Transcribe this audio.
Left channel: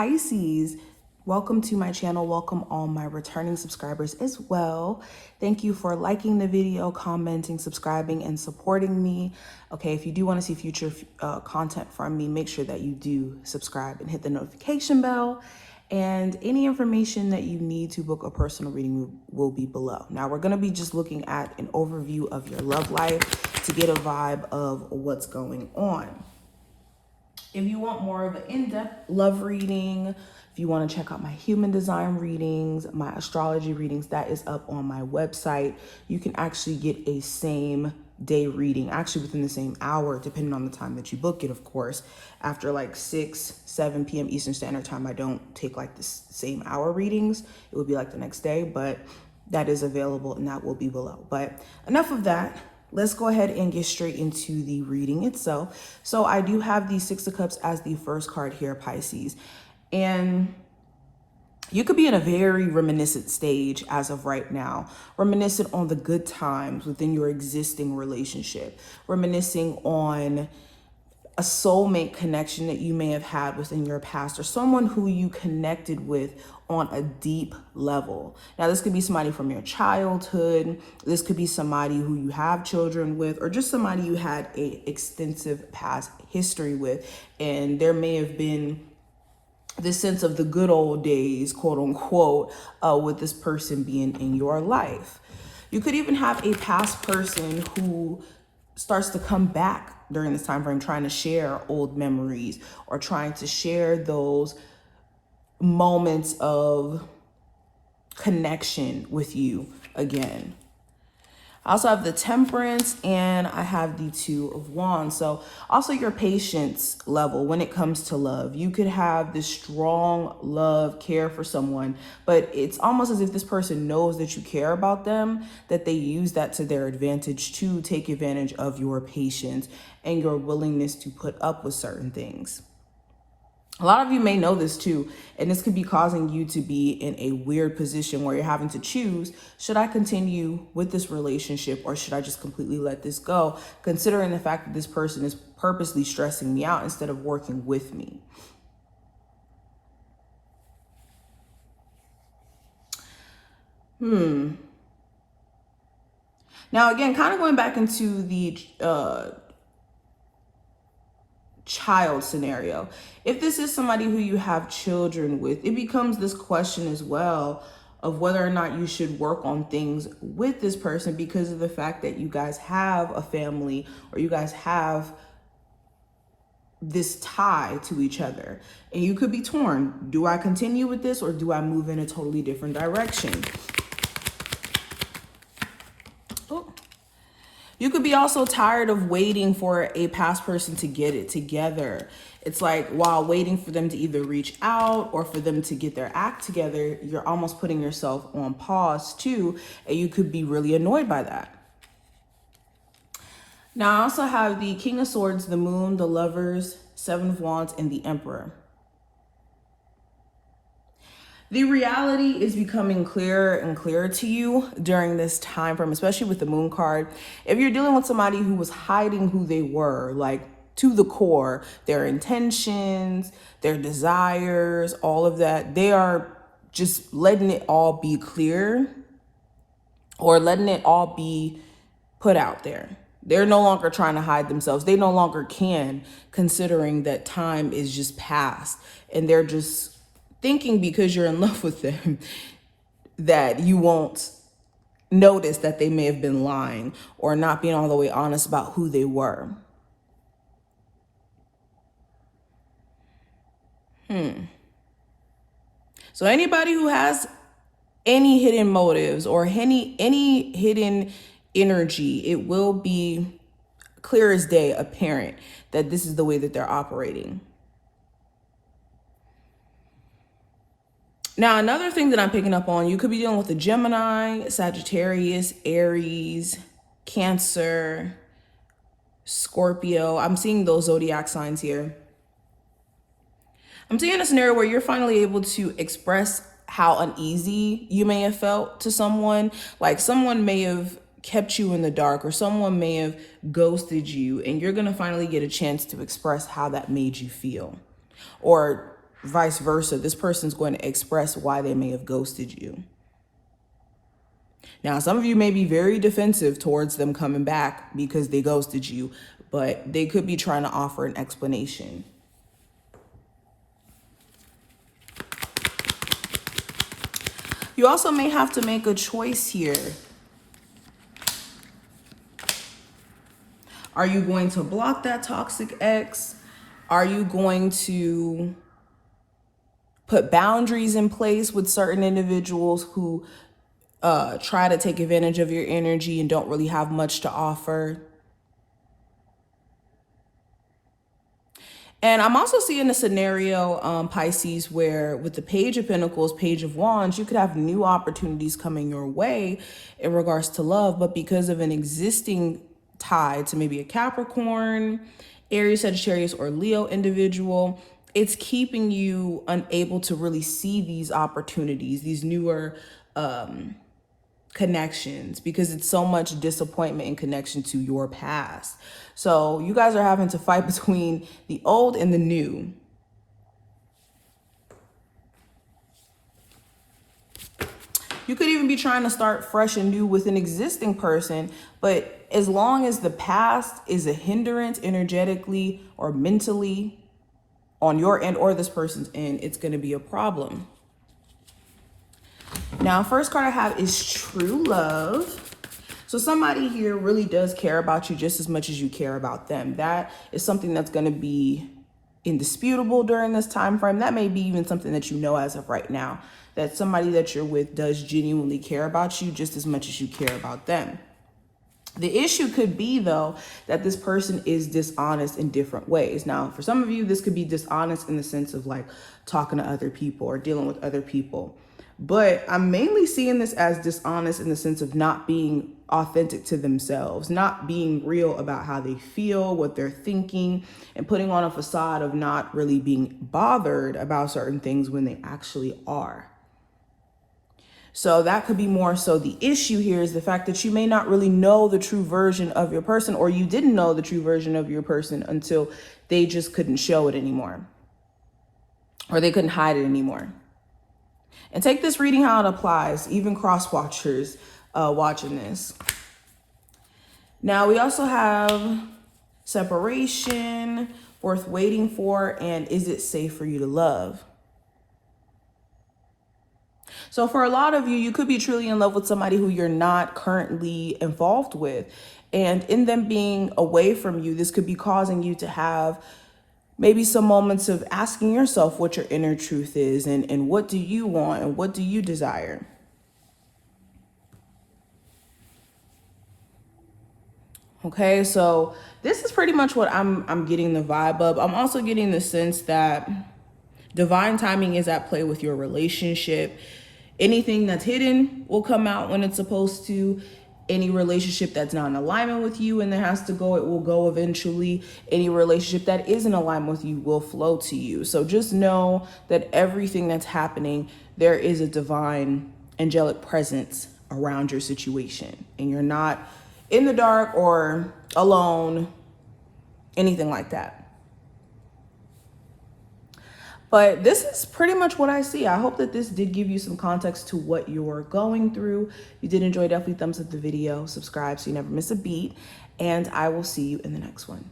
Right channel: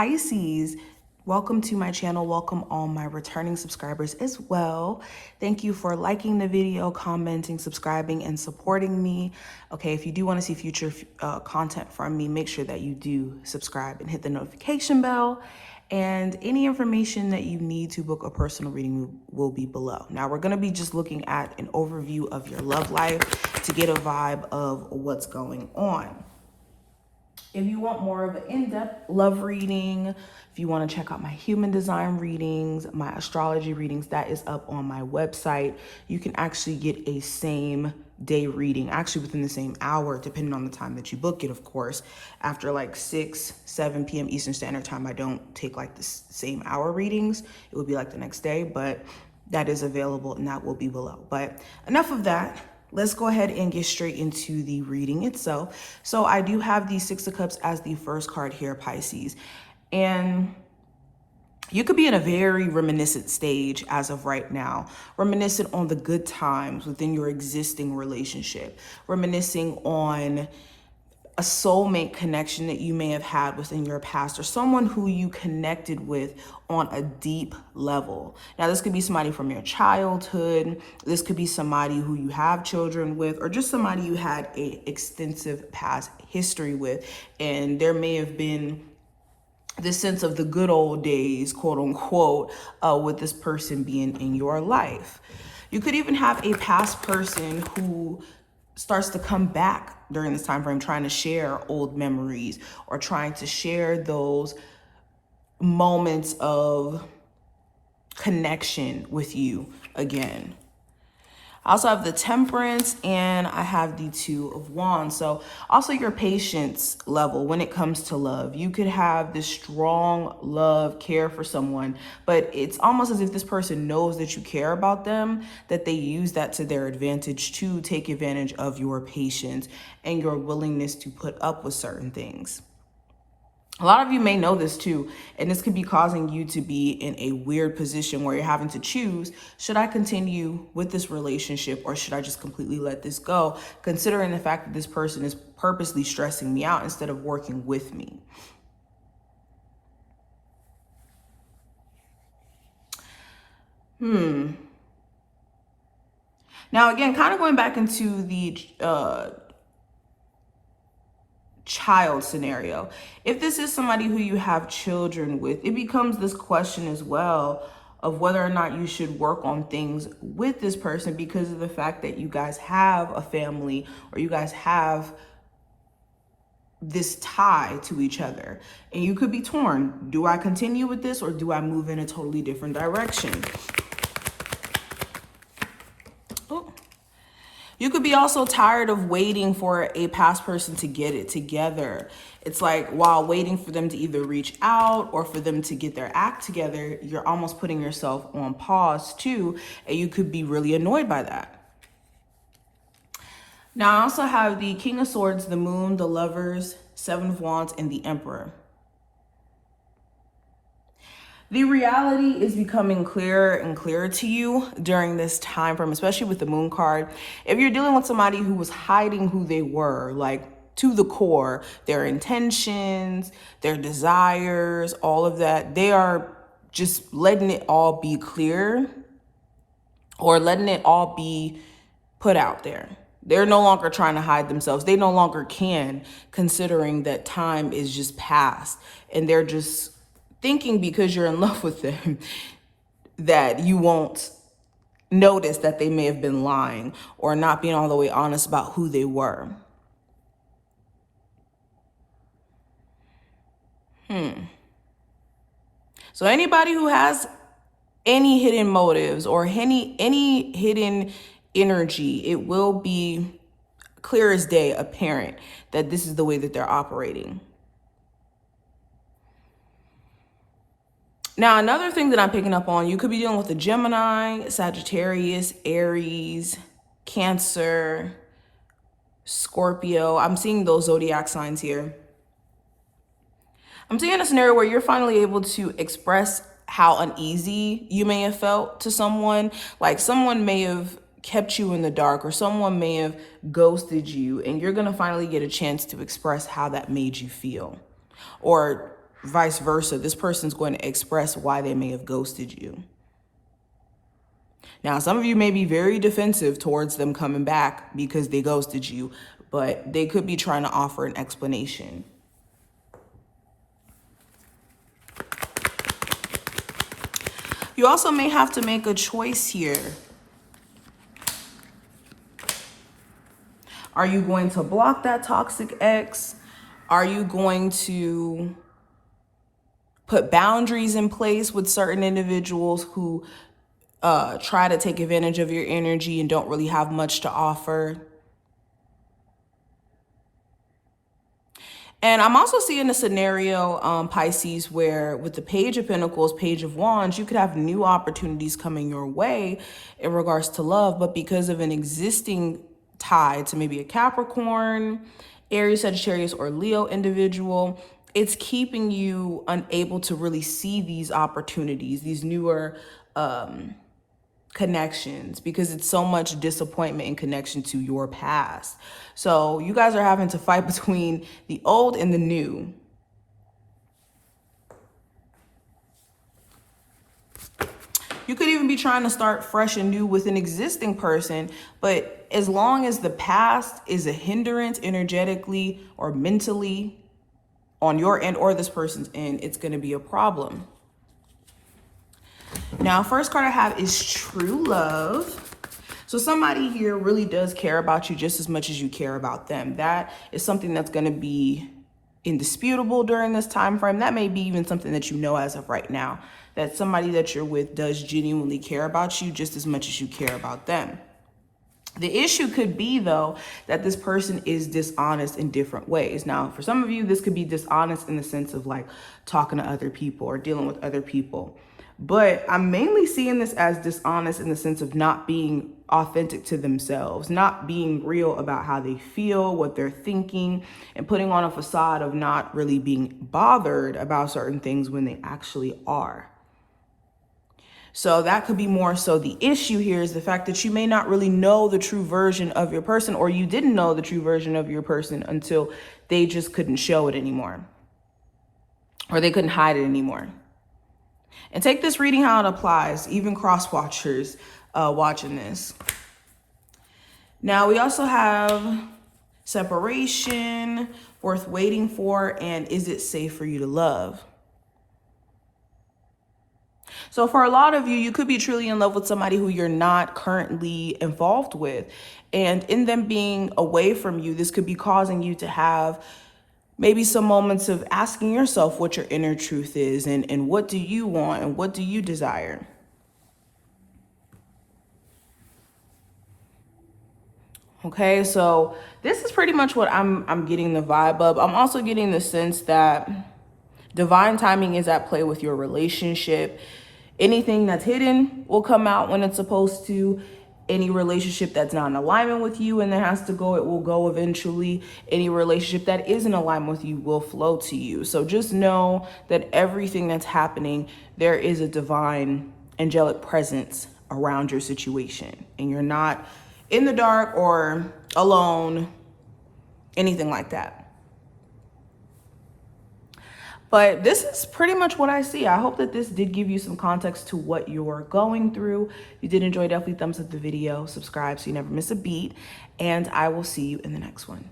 Pisces, welcome to my channel. Welcome all my returning subscribers as well. Thank you for liking the video, commenting, subscribing, and supporting me. Okay, if you do want to see future content from me, make sure that you do subscribe and hit the notification bell. And any information that you need to book a personal reading will be below. Now, we're going to be just looking at an overview of your love life to get a vibe of what's going on. If you want more of an in-depth love reading, if you want to check out my human design readings, my astrology readings, that is up on my website. You can actually get a same day reading, actually within the same hour, depending on the time that you book it, of course. After like 6, 7 p.m. Eastern Standard Time, I don't take like the same hour readings. It will be like the next day, but that is available and that will be below. But enough of that. Let's go ahead and get straight into the reading itself. So I do have the Six of Cups as the first card here, Pisces. And you could be in a very reminiscent stage as of right now. Reminiscent on the good times within your existing relationship. Reminiscing on a soulmate connection that you may have had within your past, or someone who you connected with on a deep level. Now, this could be somebody from your childhood. This could be somebody who you have children with, or just somebody you had an extensive past history with. And there may have been this sense of the good old days, quote unquote, with this person being in your life. You could even have a past person who starts to come back during this time frame, trying to share old memories or trying to share those moments of connection with you again. I also have the Temperance and I have the Two of Wands. So also your patience level when it comes to love. You could have this strong love, care for someone, but it's almost as if this person knows that you care about them, that they use that to their advantage to take advantage of your patience and your willingness to put up with certain things. A lot of you may know this too, and this could be causing you to be in a weird position where you're having to choose, should I continue with this relationship or should I just completely let this go, considering the fact that this person is purposely stressing me out instead of working with me. Now, again, kind of going back into the child scenario. If this is somebody who you have children with, it becomes this question as well of whether or not you should work on things with this person because of the fact that you guys have a family or you guys have this tie to each other. And you could be torn. Do I continue with this or do I move in a totally different direction? You could be also tired of waiting for a past person to get it together. It's like while waiting for them to either reach out or for them to get their act together, you're almost putting yourself on pause too, and you could be really annoyed by that. Now, I also have the King of Swords, the Moon, the Lovers, Seven of Wands, and the Emperor. The reality is becoming clearer and clearer to you during this time frame, especially with the Moon card. If you're dealing with somebody who was hiding who they were, like to the core, their intentions, their desires, all of that, they are just letting it all be clear or letting it all be put out there. They're no longer trying to hide themselves. They no longer can, considering that time is just past and they're just thinking because you're in love with them that you won't notice that they may have been lying or not being all the way honest about who they were. So anybody who has any hidden motives or any hidden energy, it will be clear as day apparent that this is the way that they're operating. Now, another thing that I'm picking up on, you could be dealing with a Gemini, Sagittarius, Aries, Cancer, Scorpio. I'm seeing those zodiac signs here. I'm seeing a scenario where you're finally able to express how uneasy you may have felt to someone. Like someone may have kept you in the dark or someone may have ghosted you, and you're going to finally get a chance to express how that made you feel. Or vice versa, this person's going to express why they may have ghosted you. Now, some of you may be very defensive towards them coming back because they ghosted you, but they could be trying to offer an explanation. You also may have to make a choice here. Are you going to block that toxic ex? Are you going to put boundaries in place with certain individuals who try to take advantage of your energy and don't really have much to offer? And I'm also seeing a scenario, Pisces, where with the Page of Pentacles, Page of Wands, you could have new opportunities coming your way in regards to love, but because of an existing tie to maybe a Capricorn, Aries, Sagittarius, or Leo individual, it's keeping you unable to really see these opportunities, these newer connections, because it's so much disappointment in connection to your past. So you guys are having to fight between the old and the new. You could even be trying to start fresh and new with an existing person, but as long as the past is a hindrance energetically or mentally on your end or this person's end, it's going to be a problem. Now, first card I have is True Love. So somebody here really does care about you just as much as you care about them. That is something that's going to be indisputable during this time frame. That may be even something that you know as of right now, that somebody that you're with does genuinely care about you just as much as you care about them. The issue could be, though, that this person is dishonest in different ways. Now, for some of you, this could be dishonest in the sense of like talking to other people or dealing with other people. But I'm mainly seeing this as dishonest in the sense of not being authentic to themselves, not being real about how they feel, what they're thinking, and putting on a facade of not really being bothered about certain things when they actually are. So that could be more so the issue here is the fact that you may not really know the true version of your person, or you didn't know the true version of your person until they just couldn't show it anymore, or they couldn't hide it anymore. And take this reading how it applies, even cross-watchers watching this. Now, we also have separation, worth waiting for, and is it safe for you to love? So for a lot of you, you could be truly in love with somebody who you're not currently involved with. And in them being away from you, this could be causing you to have maybe some moments of asking yourself what your inner truth is and what do you want and what do you desire? Okay, so this is pretty much what I'm getting the vibe of. I'm also getting the sense that divine timing is at play with your relationship. Anything that's hidden will come out when it's supposed to. Any relationship that's not in alignment with you and that has to go, it will go eventually. Any relationship that is in alignment with you will flow to you. So just know that everything that's happening, there is a divine angelic presence around your situation. And you're not in the dark or alone, anything like that. But this is pretty much what I see. I hope that this did give you some context to what you're going through. If you did enjoy, definitely thumbs up the video, subscribe so you never miss a beat, and I will see you in the next one.